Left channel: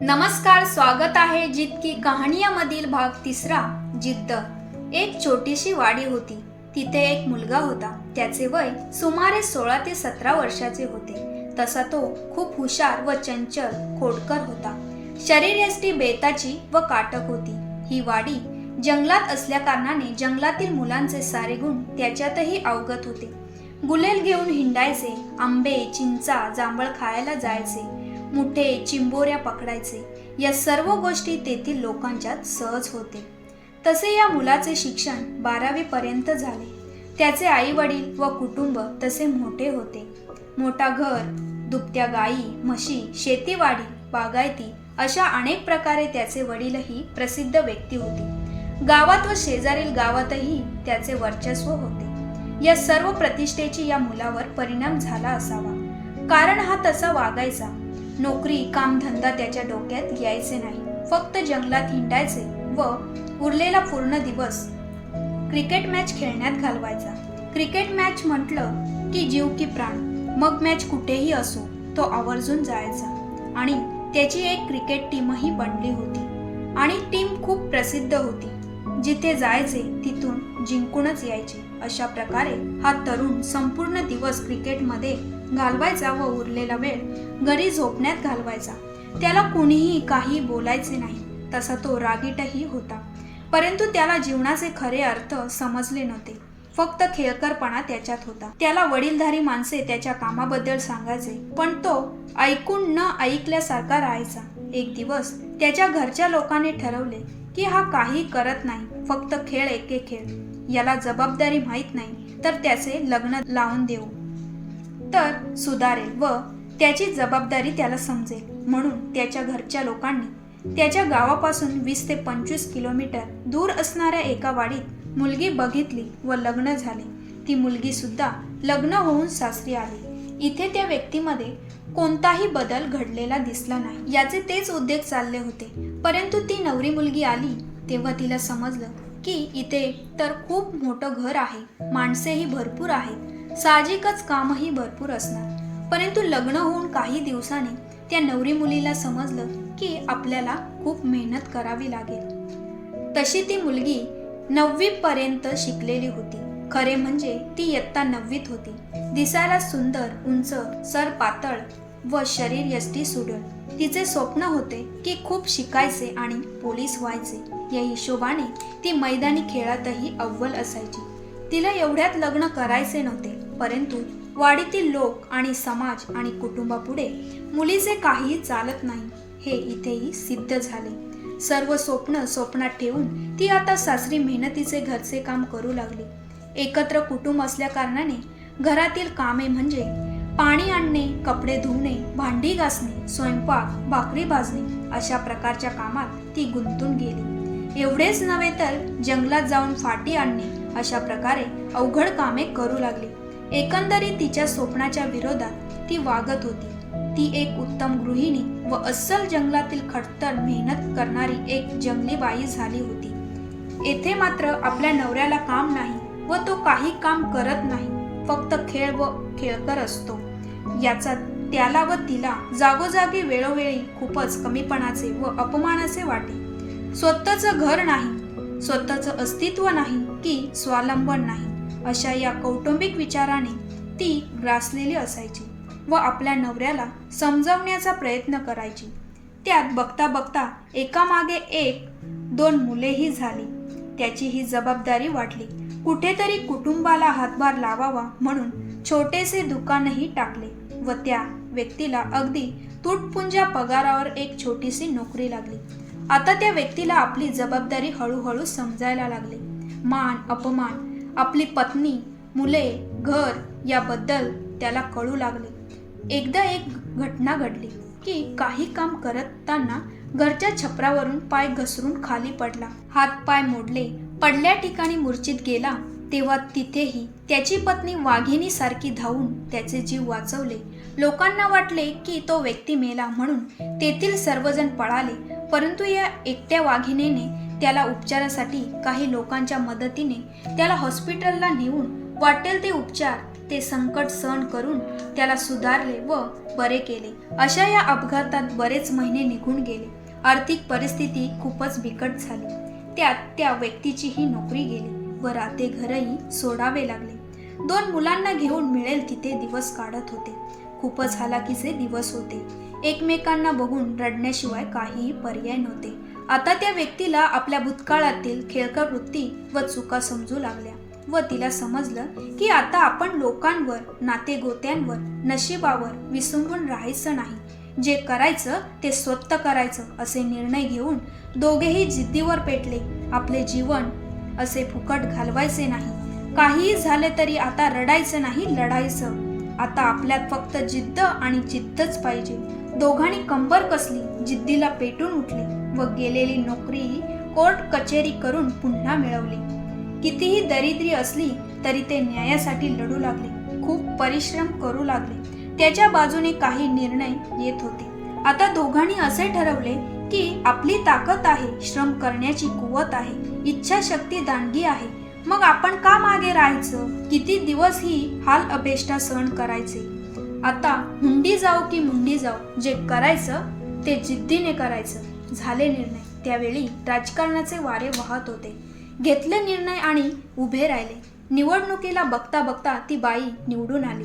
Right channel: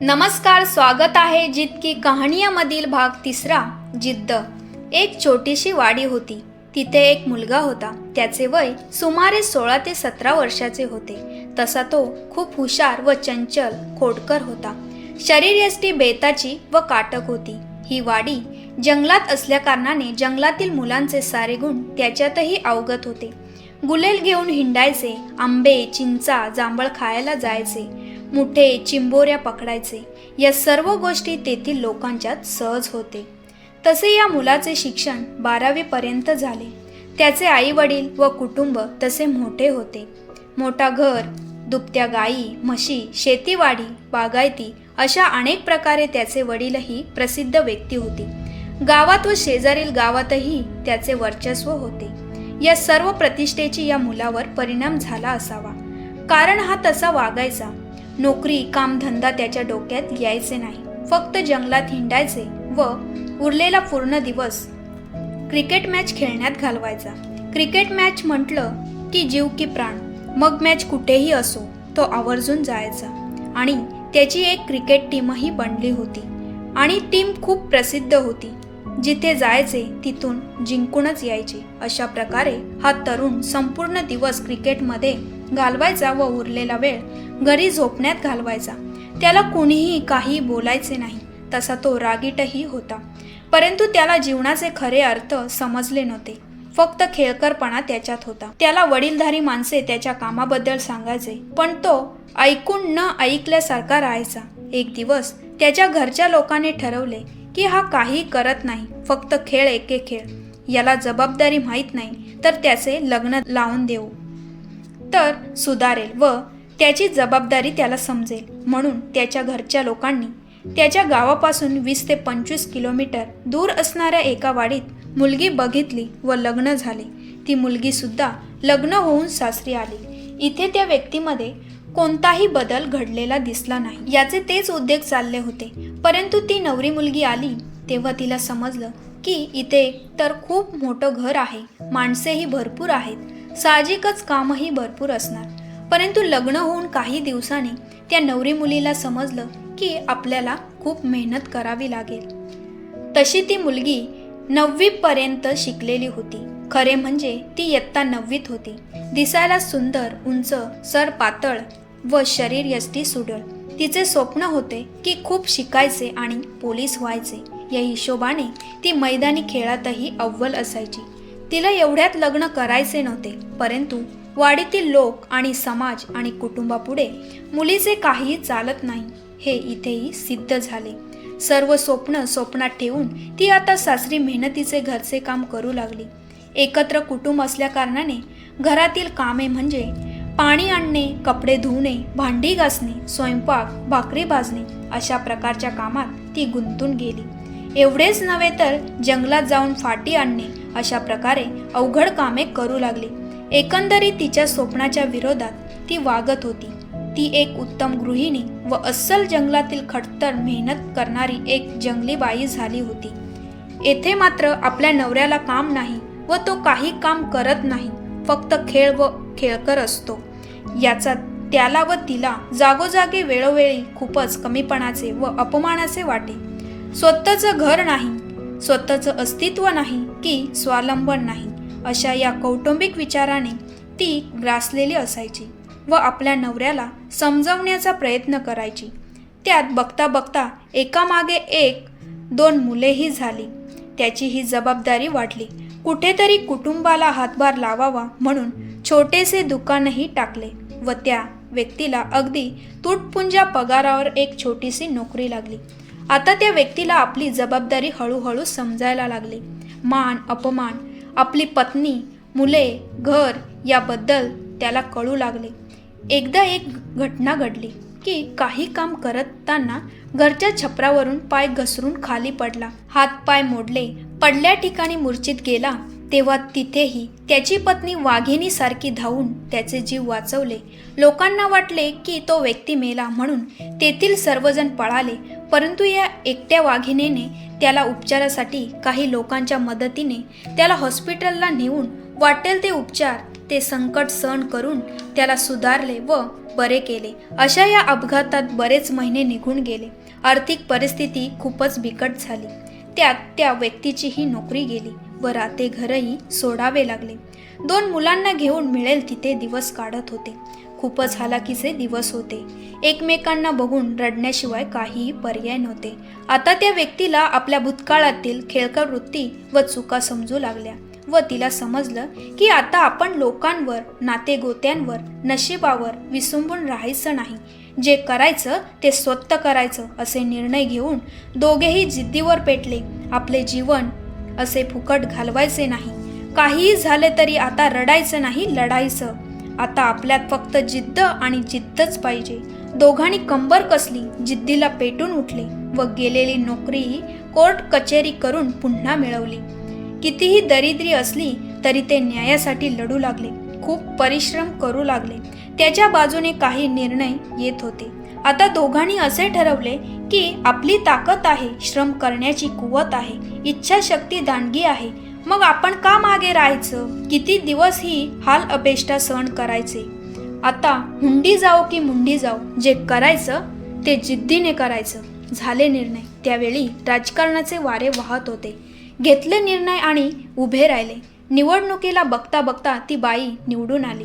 नमस्कार, स्वागत आहे जिद की कहाणीमधील भाग 3. जिद्द. एक छोटीशी वाडी होती. तिथे एक मुलगा होता. त्याचे वय सुमारे 16 ते 17 वर्षाचे होते. तसा तो खूप हुशार व चंचल खोडकर होता. शरीरयष्टी बेताची व काटक होती. ही वाडी जंगलात असल्याकारणाने जंगलातील मुलांचे सारे गुण त्याच्यातही अवगत होते. गुलेल घेऊन हिंडायचे, आंबे, चिंचा, जांभळ खायला जायचे, मुठे चिंबोऱ्या पकडायचे. या सर्व गोष्टी तेथील लोकांच्यात सहज होते. तसे या मुलाचे शिक्षण 12वी पर्यंत झाले. त्याचे आई वडील व कुटुंब तसे मोठे होते. मोठा घर, दुभत्या गायी, म्हशी, शेतीवाडी, बागायती अशा अनेक प्रकारे त्याचे वडीलही प्रसिद्ध व्यक्ती होते. गावात व शेजारील गावातही त्याचे वर्चस्व होते. या सर्व प्रतिष्ठेची या मुलावर परिणाम झाला असावा, कारण हा तसा वागायचा. नोकरी कामधंदा त्याच्या डोक्यात यायचे नाही. फक्त जंगलात हिंडायचे व उरलेला पूर्ण दिवस क्रिकेट मॅच खेळण्यात घालवायचा. क्रिकेट मॅच म्हटलं की जीव की प्राण. मग मॅच कुठेही असो, तो आवर्जून जायचा. आणि त्याची एक क्रिकेट टीमही बनली होती आणि टीम खूप प्रसिद्ध होती. जिथे जायचे तिथून जिंकूनच यायचे. अशा प्रकारे हा तरुण संपूर्ण दिवस क्रिकेटमध्ये घालवायचा व उरलेला वेळ घरी झोपण्यात घालवायचा. त्याला कुणीही काही बोलायचे नाही. तसा तो रागीटही होता, परंतु त्याला जीवनाचे खरे अर्थ समजले नव्हते. फक्त खेळकरपणा त्याच्यात होता. त्याला वडीलधारी माणसे त्याच्या कामाबद्दल सांगायचे, पण तो ऐकून न ऐकल्यासारखा राहायचा. एक दिवस त्याच्या घरच्या लोकांनी ठरवले की हा काही करत नाही, फक्त खेळ एके खेळ. याला जबाबदारी माहीत नाही, तर त्याचे लग्न लावून देऊ तर सुधारेल व त्याची जबाबदारी त्याला समजेल. म्हणून त्याच्या घरच्या लोकांनी त्याच्या गावापासून 20 ते 25 किलोमीटर दूर असणाऱ्या एका वाडीत मुलगी बघितली व लग्न झाले. ती मुलगी सुद्धा लग्न होऊन सासरी आली. इथे त्या व्यक्तीमध्ये कोणताही बदल घडलेला दिसला नाही. याचे तेच उद्योग चालले होते. परंतु ती नवरी मुलगी आली तेव्हा तिला समजलं की इथे तर खूप मोठं घर आहे, माणसेही भरपूर आहेत, साहजिकच कामही भरपूर असणार. परंतु लग्न होऊन काही दिवसांनी त्या नवरी मुलीला समजलं की आपल्याला खूप मेहनत करावी लागेल. तशी ती मुलगी 9वी पर्यंत शिकलेली होती. खरे म्हणजे ती इयत्ता 9वीत होती. दिसायला सुंदर, उंच, सर पातळ व शरीर यष्टी सुडळ. तिचे स्वप्न होते की खूप शिकायचे आणि पोलीस व्हायचे. या हिशोबाने ती मैदानी खेळातही अव्वल असायची. तिला एवढ्यात लग्न करायचे नव्हते, परंतु वाडीतील लोक आणि समाज आणि कुटुंबापुढे मुलीचे काहीही चालत नाही हे इथेही सिद्ध झाले. सर्व स्वप्न स्वप्नात ठेवून ती आता सासरी मेहनतीचे घरचे काम करू लागली. एकत्र कुटुंब असल्याकारणाने घरातील कामे म्हणजे पाणी आणणे, कपडे धुणे, भांडी घासणे, स्वयंपाक, भाकरी भाजणे अशा प्रकारच्या कामात ती गुंतून गेली. एवढेच नव्हे तर जंगलात जाऊन फाटी आणणे अशा प्रकारे अवघड कामे करू लागली. एकंदरीत तिच्या स्वप्नाच्या विरोधात ती वागत होती. ती एक उत्तम गृहिणी व अस्सल जंगलातील खडतर मेहनत करणारी एक जंगली बाई झाली होती. येथे मात्र आपल्या नवऱ्याला काम नाही व तो काही काम करत नाही, फक्त खेळ व खेळकर असतो. याचा त्याला व तिला जागोजागी वेळोवेळी खूपच कमीपणाचे व अपमानाचे वाटे. स्वतःचं घर नाही, स्वतःचं अस्तित्व नाही की स्वावलंबन नाही, अशा या कौटुंबिक विचाराने ती ग्रासलेली असायची व आपल्या नवऱ्याला समजवण्याचा प्रयत्न करायची. त्यात बघता बघता एकामागे एक 2 मुलेही झाली. त्याची ही जबाबदारी वाढली. कुठेतरी कुटुंबाला हातभार लावावा म्हणून छोटेसे दुकानही टाकले व त्या व्यक्तीला अगदी तुटपुंजा पगारावर एक छोटीशी नोकरी लागली. आता त्या व्यक्तीला आपली जबाबदारी हळूहळू समजायला लागली. मान अपमान, आपली पत्नी, मुले, घर याबद्दल त्याला कळू लागले. एकदा एक घटना घडली की काही काम करताना घरच्या छपरावरून पाय घसरून खाली पडला. हात पाय मोडले. पडल्या ठिकाणी मूर्छित गेला. तेव्हा तिथेही त्याची पत्नी वाघिणीसारखी धावून त्याचे जीव वाचवले. लोकांना वाटले की तो व्यक्ती मेला म्हणून तेथील सर्वजण पळाले. परंतु या एकट्या वाघिणीने त्याला उपचारासाठी काही लोकांच्या मदतीने त्याला हॉस्पिटलला नेऊन वाटेल ते उपचार, ते संकट सहन करून त्याला सुधारले व बरे केले. अशा या अपघातात बरेच महिने निघून गेले. आर्थिक परिस्थिती खूपच बिकट झाली. त्यात त्या व्यक्तीचीही नोकरी गेली व राहते घरही सोडावे लागले. 2 मुलांना घेऊन मिळेल तिथे दिवस काढत होते. खूपच हालाकीचे दिवस होते. एकमेकांना बघून रडण्याशिवाय काहीही पर्याय नव्हते. आता त्या व्यक्तीला आपल्या भूतकाळातील खेळकर वृत्ती व चुका समजू लागल्या व तिला समजलं की आता आपण लोकांवर, नातेगोत्यांवर, नशिबावर विसंबून राहायचं नाही. जे करायचं ते स्वतः करायचं असे निर्णय घेऊन दोघेही जिद्दीवर पेटले. आपले जीवन असे फुकट घालवायचे नाही. काहीही झाले तरी आता रडायचं नाही, लढायचं. आता आपल्यात फक्त जिद्द आणि जिद्दच पाहिजे. दोघांनी कंबर कसली, जिद्दीला पेटून उठले व गेलेली नोकरीही कोर्ट कचेरी करून पुन्हा मिळवली. कितीही दरिद्री असली तरी ते न्यायासाठी लढू लागले. खूप परिश्रम करू लागले. त्याच्या बाजूने काही निर्णय येत होते. आता दोघांनी असे ठरवले की आपली ताकद आहे, श्रम करण्याची कुवत आहे, इच्छाशक्ती दांडगी आहे, मग आपण का मागे राहायचं? किती दिवस ही हाल अपेष्टा सहन करायचे? आता हुंडी जाओ की मुंडी जाओ, जे करायचं ते जिद्दीने करायचं. झाले निर्णय. त्यावेळी राजकारणाचे वारे वाहत होते. घेतले निर्णय आणि उभे राहिले. निवडणुकीला बघता बघता ती बाई निवडून आली,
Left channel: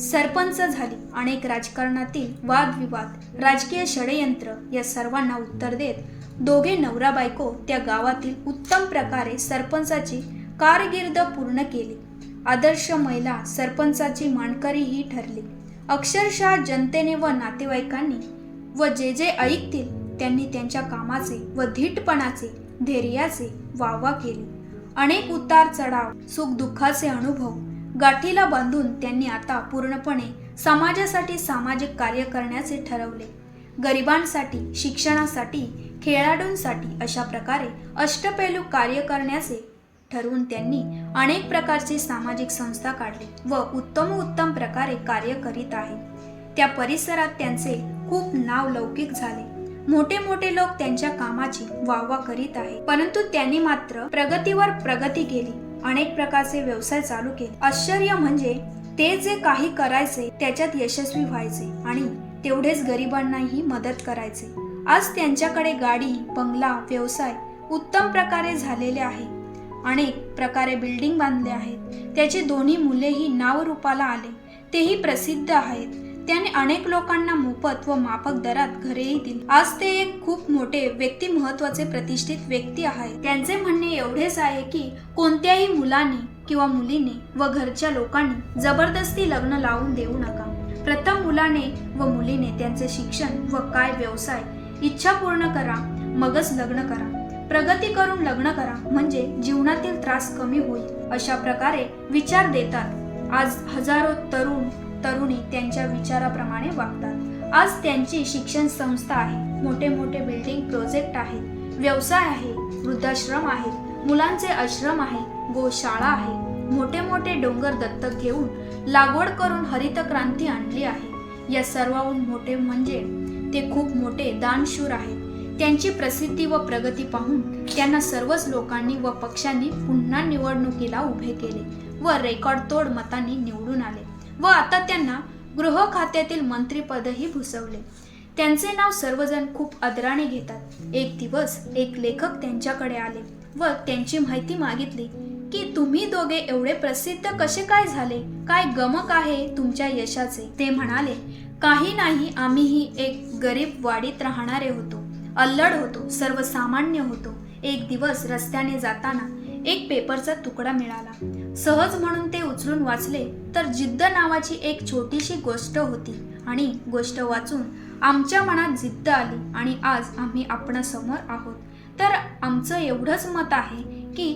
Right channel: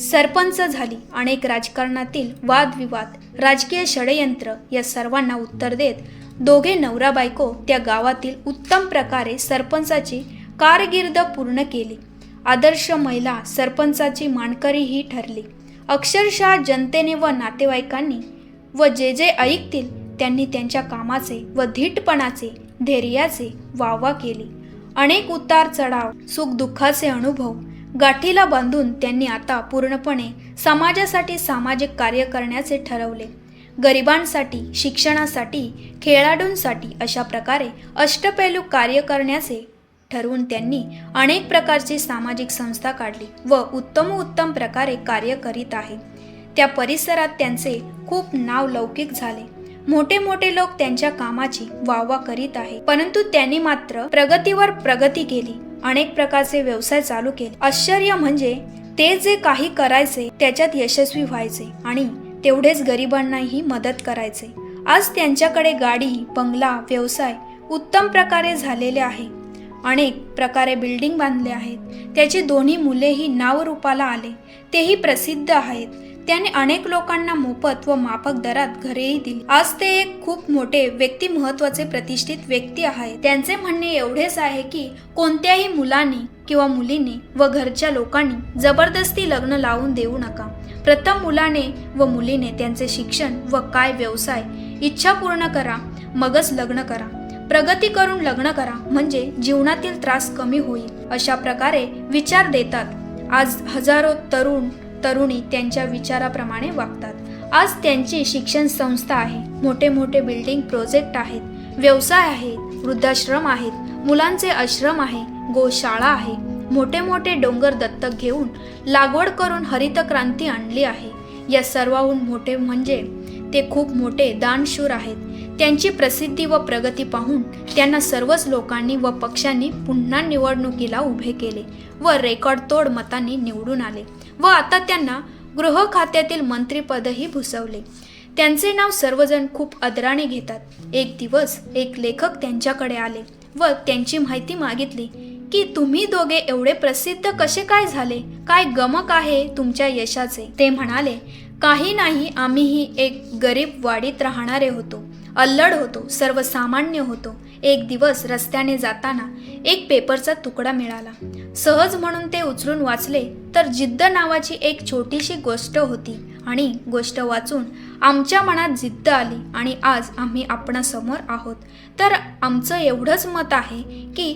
सरपंच झाली. अनेक राजकारणातील वादविवाद, राजकीय षडयंत्र या सर्वांना उत्तर देत दोघे नवरा बायको त्या गावातील उत्तम प्रकारे सरपंचाची कारकीर्द पूर्ण केली. आदर्श महिला सरपंचाची मानकरीही ठरली. अक्षरशः जनतेने व नातेवाईकांनी व जे जे ऐकतील त्यांनी त्यांच्या कामाचे व धीटपणाचे, धैर्याचे वाहवा केली. अनेक उतार चढाव, सुख दुःखाचे अनुभव गाठीला बांधून त्यांनी आता पूर्णपणे समाजासाठी सामाजिक कार्य करण्याचे ठरवले. गरिबांसाठी, शिक्षणासाठी, खेळाडूंसाठी अशा प्रकारे अष्टपैलू कार्य करण्याचे ठरवून त्यांनी अनेक प्रकारची सामाजिक संस्था काढली व उत्तम प्रकारे कार्य करीत आहे. त्या परिसरात त्यांचे खूप नाव लौकिक झाले. मोठे मोठे लोक त्यांच्या कामाची वाहवा करीत आहे. परंतु त्यांनी मात्र प्रगतीवर प्रगती केली. अनेक प्रकारचे व्यवसाय चालू केले. आश्चर्य म्हणजे ते जे काही करायचे त्याच्यात यशस्वी व्हायचे आणि तेवढेच गरिबांनाही मदत करायचे. आज त्यांच्याकडे गाडी, बंगला, व्यवसाय उत्तम प्रकारे झालेले आहे. अनेक प्रकारे बिल्डिंग बांधले आहेत. त्याची 2 मुलेही नावरूपाला आले, तेही प्रसिद्ध आहेत. त्याने अनेक लोकांना मोफत व माफक दरात घरेही दिली. आज ते एक खूप मोठे व्यक्तिमत्वाचे प्रतिष्ठित व्यक्ती आहेत. त्यांचे म्हणणे एवढेच आहे की कोणत्याही मुलाने किंवा मुलीने व घरच्या लोकांनी जबरदस्ती लग्न लावून देऊ नका. प्रथम मुलाने व मुलीने त्यांचे शिक्षण व काय व्यवसाय इच्छा पूर्ण करा, मगच लग्न करा. प्रगती करून लग्न करा म्हणजे जीवनातील त्रास कमी होईल, अशा प्रकारे विचार देतात. आज हजारो तरुणी त्यांच्या विचाराप्रमाणे वागतात. आज त्यांची शिक्षण संस्था आहे, मोठे मोठे बिल्डिंग प्रोजेक्ट आहेत, व्यवसाय आहे, वृद्धाश्रम आहेत, मुलांचे आश्रम आहे, गोशाळा आहे. मोठे मोठे डोंगर दत्तक घेऊन लागवड करून हरित क्रांती आणली आहे. या सर्वाहून मोठे म्हणजे ते खूप मोठे दानशूर आहेत. त्यांची प्रसिद्धी व प्रगती पाहून त्यांना सर्वच लोकांनी व पक्षांनी पुन्हा निवडणुकीला उभे केले व रेकॉर्ड तोड मतांनी निवडून आले व आता त्यांना गृह खात्यातील मंत्रीपदही भूषवले. त्यांचे नाव सर्वजण खूप आदराने घेतात. एक दिवस एक लेखक त्यांच्याकडे आले व त्यांची माहिती मागितली की तुम्ही दोघे एवढे प्रसिद्ध कसे काय झाले? काय गमक आहे तुमच्या यशाचे? ते म्हणाले, काही नाही, आम्हीही एक गरीब वाडीत राहणारे होतो. अल्लड होतो, सर्वसामान्य होतो. एक दिवस रस्त्याने जाताना एक पेपरचा तुकडा मिळाला. सहज म्हणून ते उचलून वाचले तर जिद्द नावाची एक छोटीशी गोष्ट होती आणि गोष्ट वाचून आमच्या मनात जिद्द आली आणि आज आम्ही आपणासमोर आहोत. तर आमचं एवढंच मत आहे की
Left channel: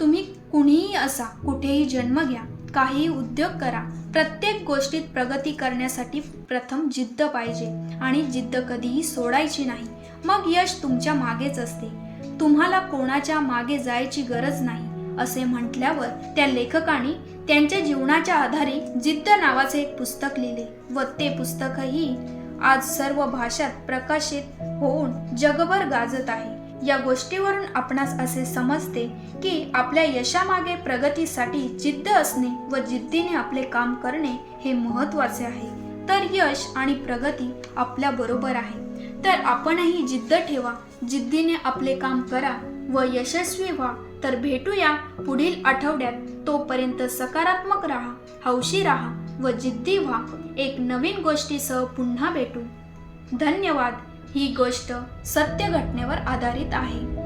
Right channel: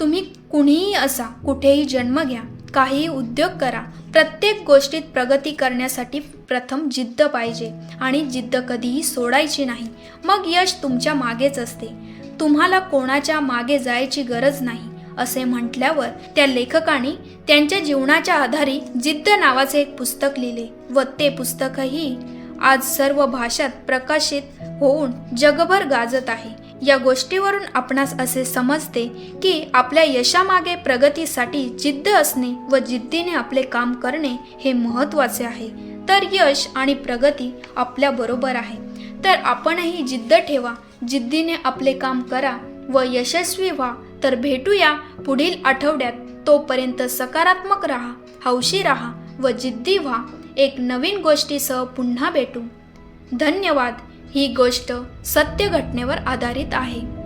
तुम्ही कुणीही असा, कुठेही जन्म घ्या, काहीही उद्योग करा, प्रत्येक गोष्टीत प्रगती करण्यासाठी प्रथम जिद्द पाहिजे आणि जिद्द कधीही सोडायची नाही. मग यश तुमच्या मागेच असते. तुम्हाला कोणाच्या मागे जायची गरज नाही, असे म्हटल्यावर त्या लेखकाने त्यांच्या जीवनाच्या आधारे जिद्द नावाचे एक पुस्तक लिहिले व ते पुस्तकही आज सर्व भाषात प्रकाशित होऊन जगभर गाजत आहे. या गोष्टीवरून आपणास असे समजते की आपल्या यशामागे प्रगतीसाठी जिद्द असणे व जिद्दीने आपले काम करणे हे महत्त्वाचे आहे. तर यश आणि प्रगती आपल्या बरोबर आहे. तर आपणही जिद्द ठेवा, जिद्दीने आपले काम करा व यशस्वी व्हा. तर भेटूया पुढील आठवड्यात. तोपर्यंत सकारात्मक राहा, हौशी राहा व जिद्दी व्हा. एक नवीन गोष्टीसह पुन्हा भेटू. धन्यवाद. ही गोष्ट सत्य घटनेवर आधारित आहे.